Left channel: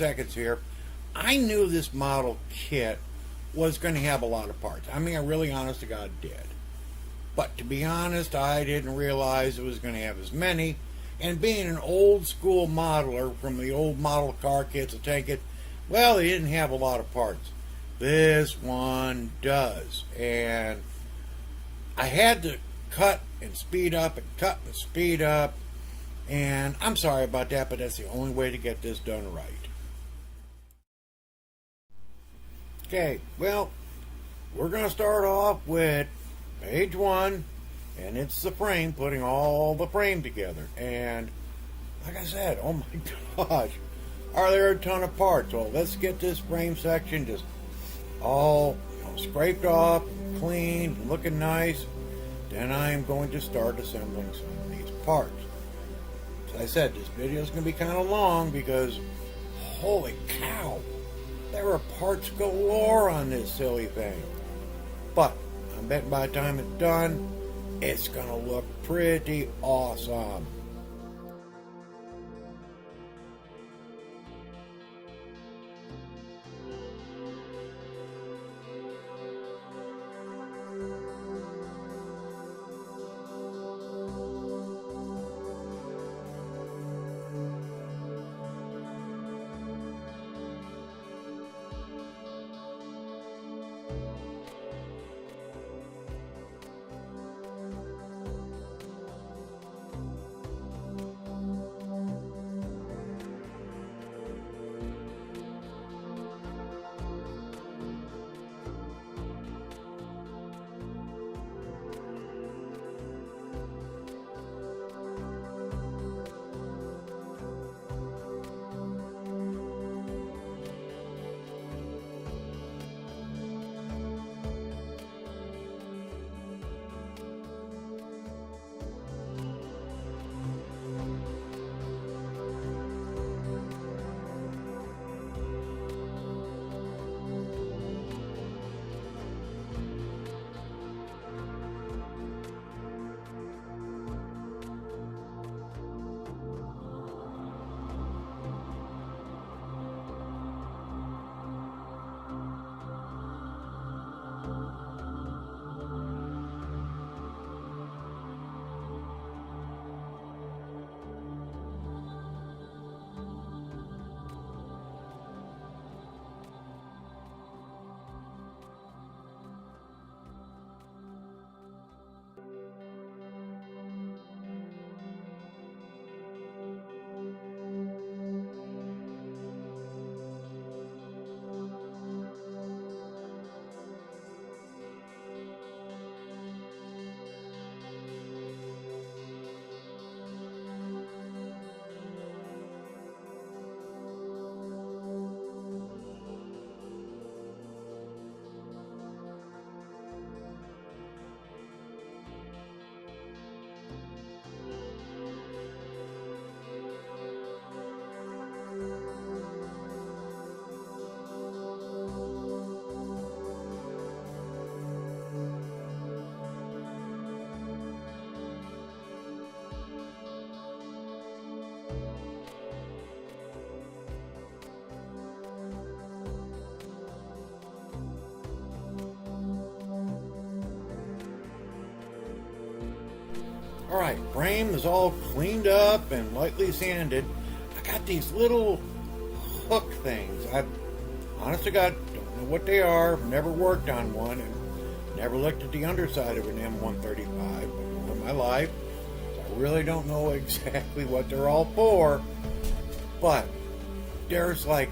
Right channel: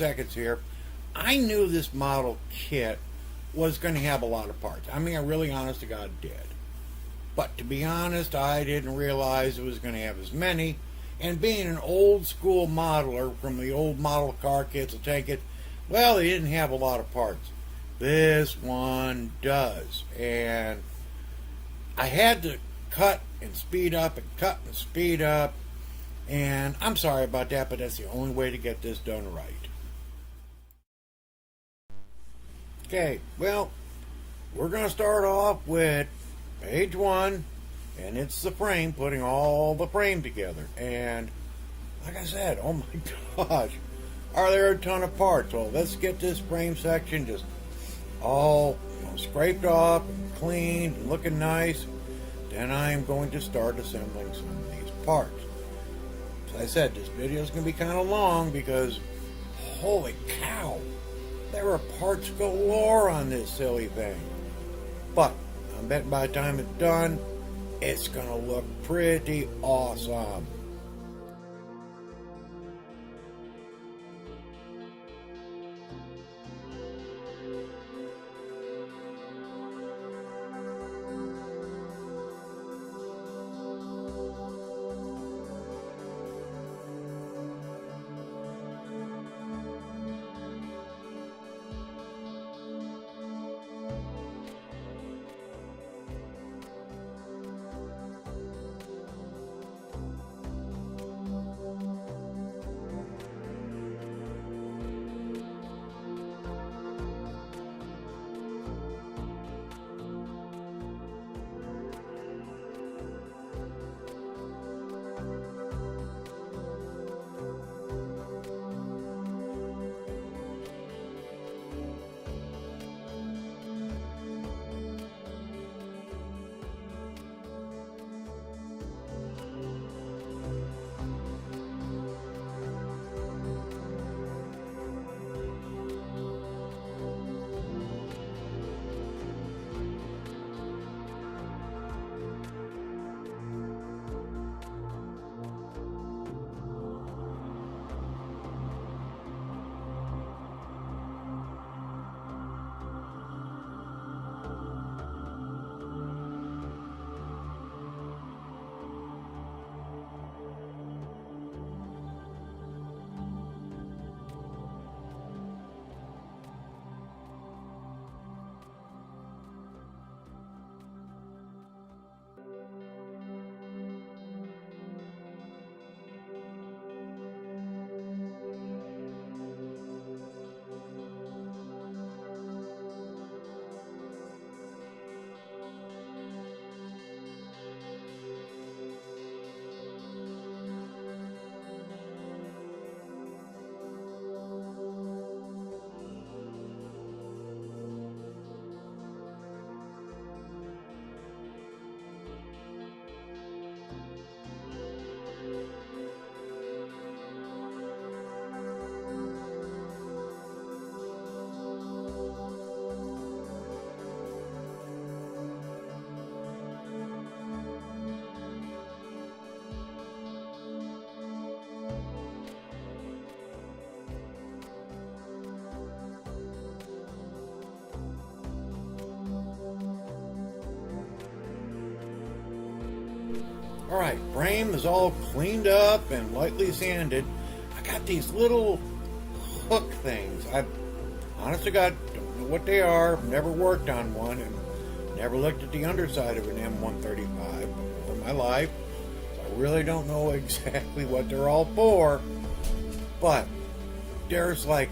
seconds here. I knew this model kit was going to have a lot of parts. I mean, I really, honest to God, did. But to be honest, I didn't realize it was going to have as many. And being an old school modeler from the old model car kits, I take it, well, they didn't have a lot of parts. This one does. And I had to cut and speed up and cut and speed up. And I'm sorry about that, but that's the only way to get this done right. Okay, well, we're going to start off with page 1, and it's the frame, putting all the frame together. And like I said, oh my gosh, are there a ton of parts? Well, let's get this frame section just all scraped off and cleaned and looking nice. Then I'm going to start assembling some of these parts. As I said, this video is going to be kind of long because holy cow, there are parts galore on this silly thing. But I'm betting by the time it's done, it's going to look pretty awesome. Alright, frame is all cleaned up and lightly sanded. I got these little hook things. I, honest to God, don't know what they are. Never worked on one and never looked at the underside of an M135 before in my life. So I really don't know exactly what they're all for. But there's like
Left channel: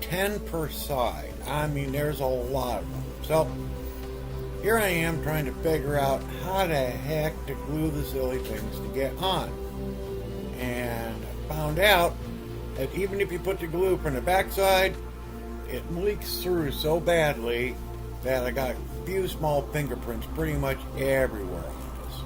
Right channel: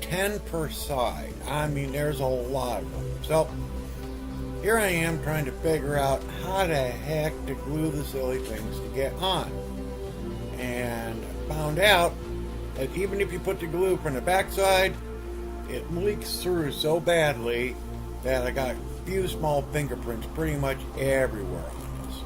10 per side. I mean, there's a lot of them. So here I am trying to figure out how the heck to glue the silly things to get on. And I found out that even if you put the glue from the backside, it leaks through so badly that I got a few small fingerprints pretty much everywhere on this.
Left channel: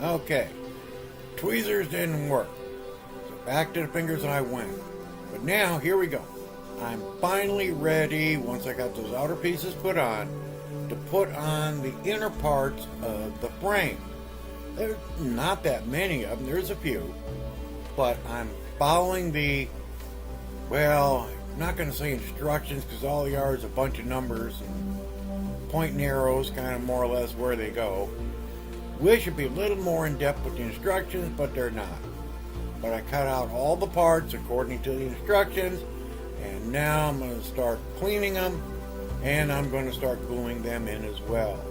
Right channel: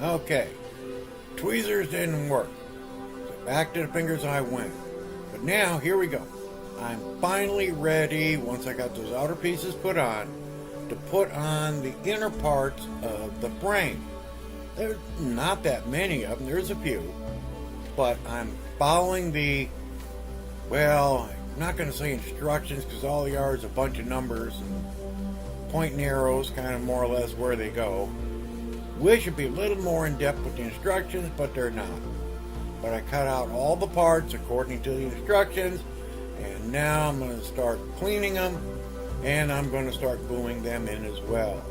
Okay, tweezers didn't work, so back to the fingers I went. But now, here we go. I'm finally ready, once I got those outer pieces put on, to put on the inner parts of the frame. There's not that many of them, there's a few, but I'm following the, well, I'm not going to say instructions because all they are is a bunch of numbers and pointing arrows, kind of more or less where they go. Wish it'd be a little more in depth with the instructions, but they're not. But I cut out all the parts according to the instructions, and now I'm going to start cleaning them, and I'm going to start gluing them in as well.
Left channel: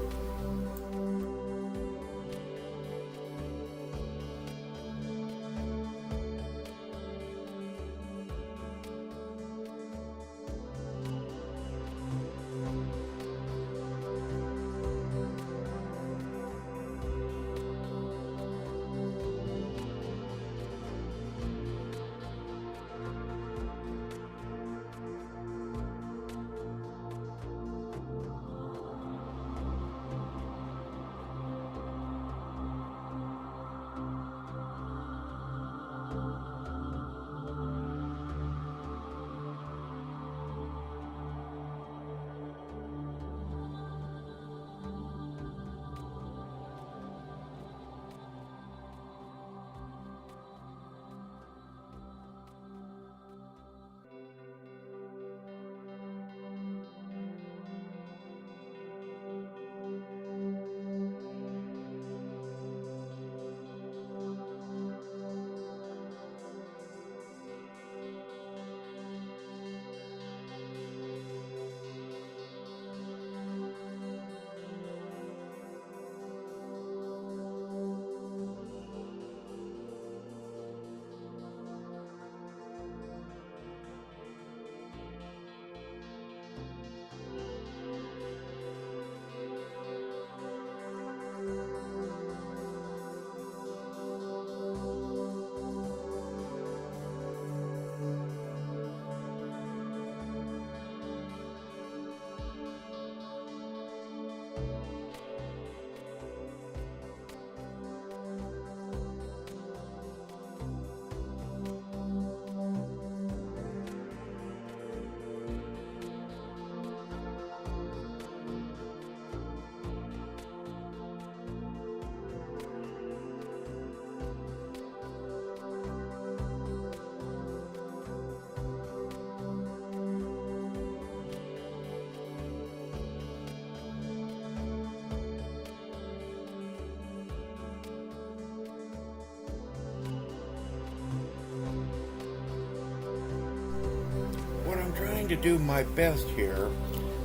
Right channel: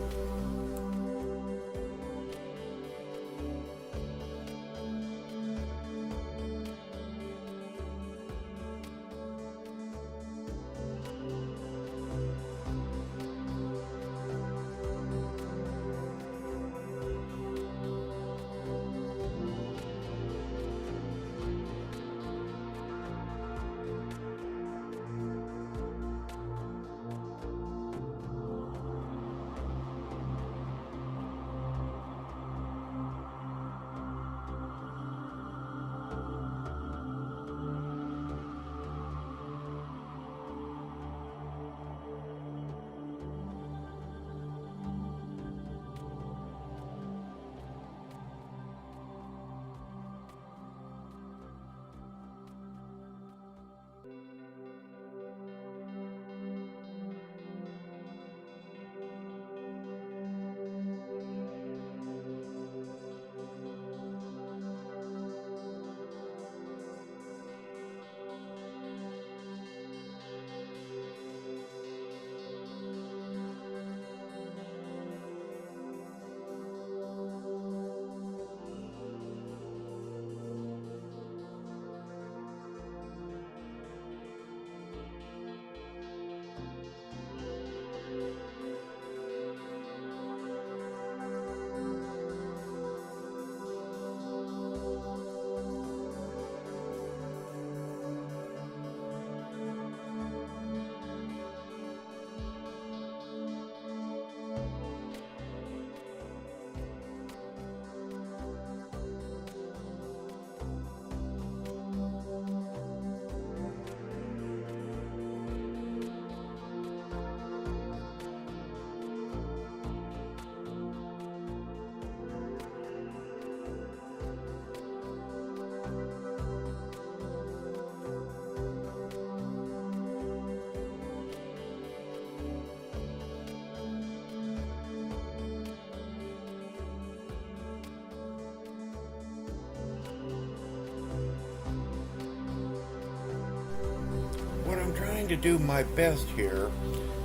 What I'm trying to do my best here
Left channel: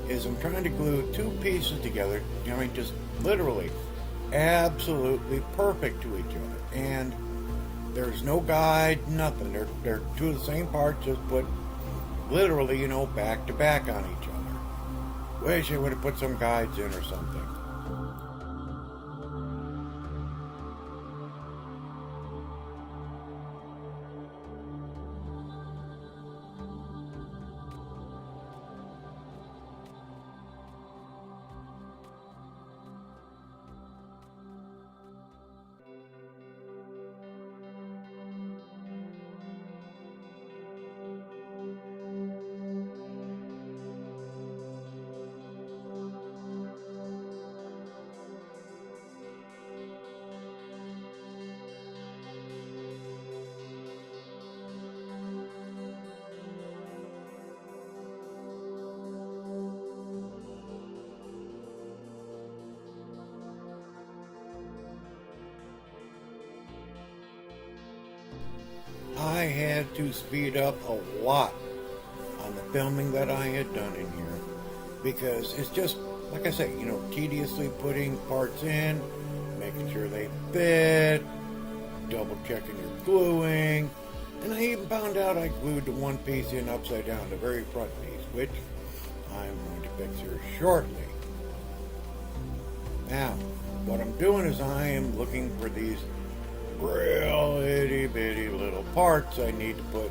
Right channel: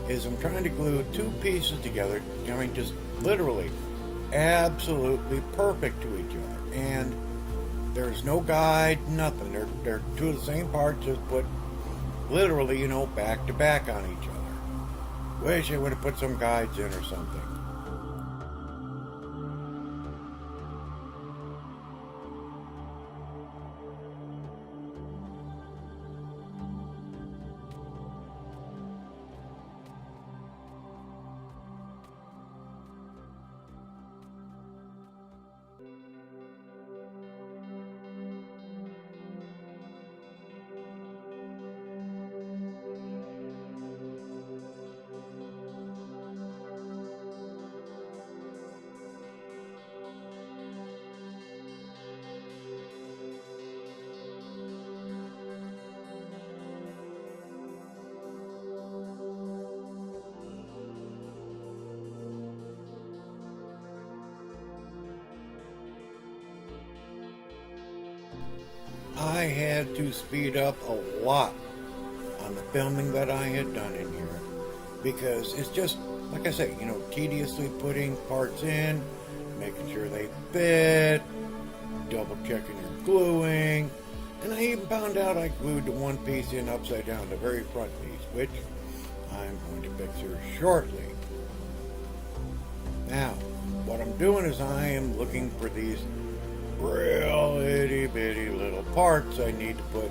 is I'm trying to glue two pieces together, I mean just literally absolutely perfect to each other, and there's no guide, nothing. They're two of the same parts, just put literally, back to back on each other. Wish I would have put some guides in or something. I had to speed up a lot on the filming that I had done in here because it's just, like I say, tediously putting parts in, making sure they fit, double checking your gluing, and I even found out I glued the one piece in upside down, the very front piece, which I'm going to fix here shortly. Now, what I'm doing is I am looking for these real itty bitty little parts I need to put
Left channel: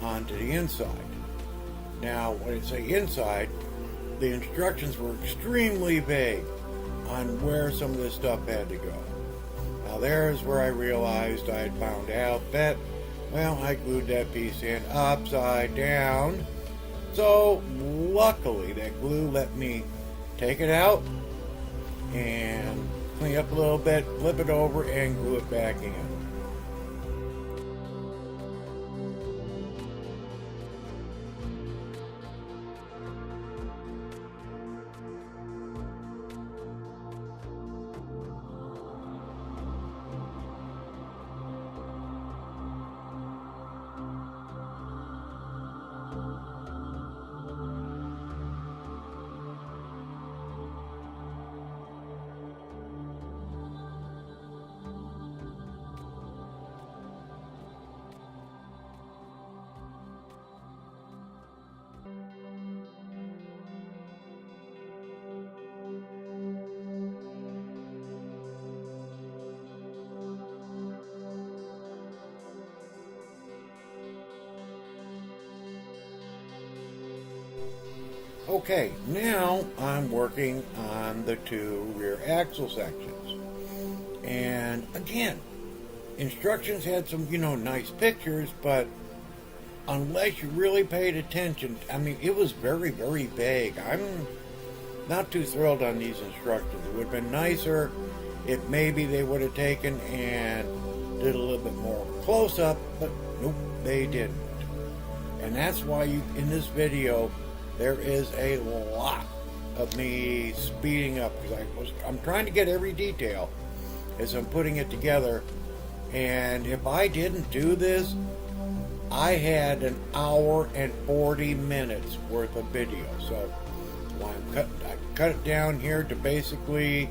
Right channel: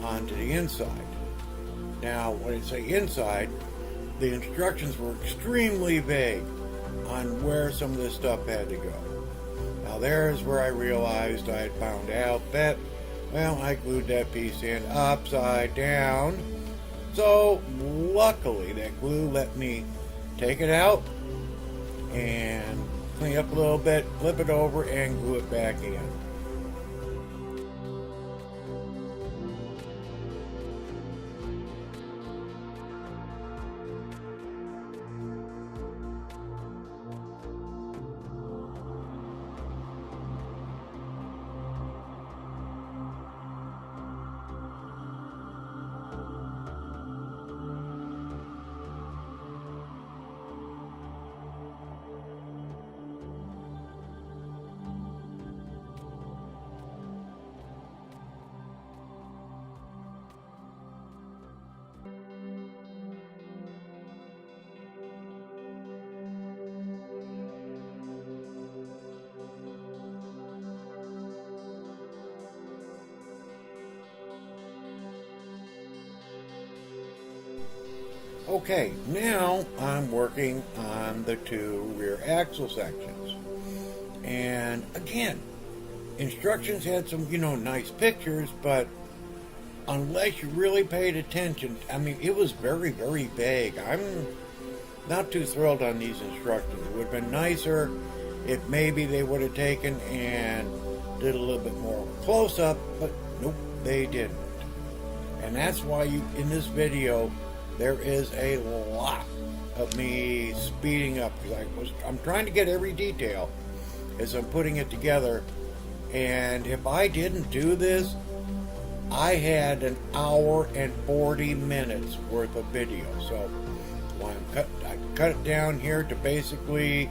onto the inside. Now, when I say inside, the instructions were extremely vague on where some of this stuff had to go. Now there's where I realized I had found out that, well, I glued that piece in upside down. So luckily that glue let me take it out and clean up a little bit, flip it over, and glue it back in. Okay, now I'm working on the two rear axle sections. And again, instructions had some, nice pictures, but unless you really paid attention, I mean, it was very, very vague. I'm not too thrilled on these instructions. It would have been nicer if maybe they would have taken and did a little bit more of a close-up, but nope, they didn't. And that's why in this video, there is a lot of me speeding up because I'm trying to get every detail as I'm putting it together. And if I didn't do this, I had an hour and 40 minutes worth of video. So I cut it down here to basically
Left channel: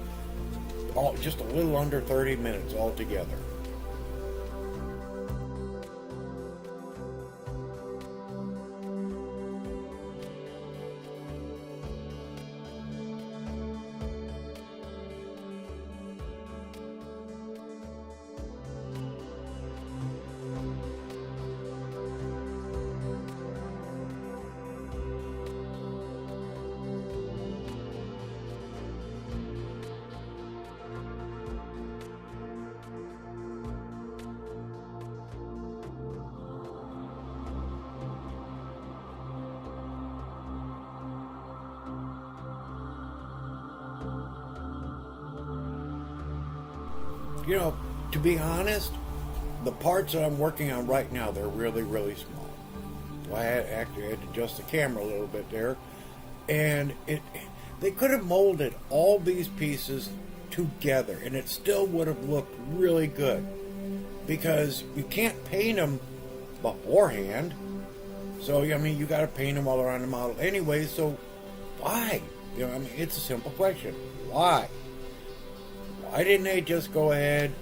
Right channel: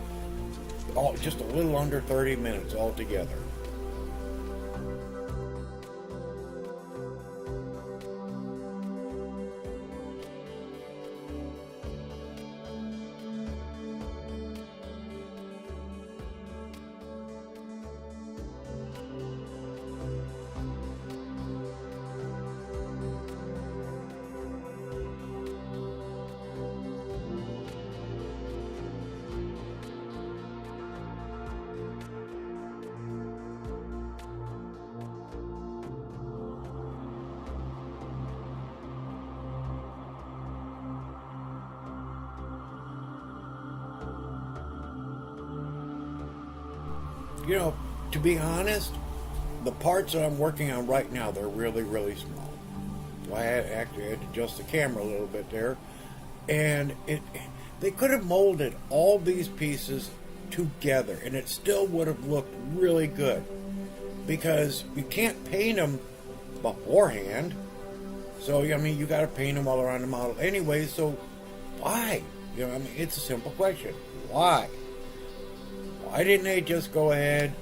just a little under 30 minutes altogether. To be honest, the parts that I'm working on right now, they're really, really small. I had to adjust the camera a little bit there. And they could have molded all these pieces together and it still would have looked really good. Because you can't paint them beforehand. So, you got to paint them while they're on the model anyway. So, why? It's a simple question. Why? Why didn't they just go ahead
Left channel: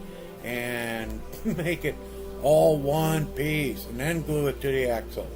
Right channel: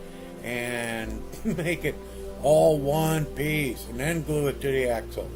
and make it all one piece and then glue it to the axle?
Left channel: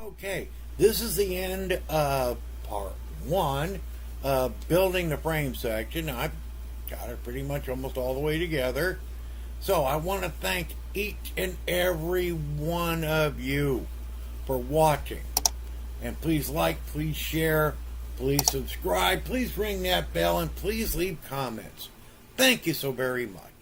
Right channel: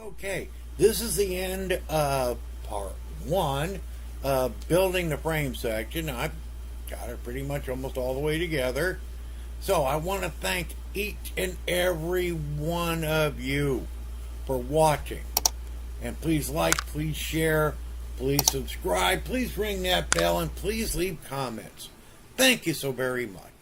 Okay, this is the end of part one of building the frame section. I've got it pretty much almost all the way together. So I want to thank each and every one of you for watching. And please like, please share, please subscribe, please ring that bell, and please leave comments. Thank you so very much.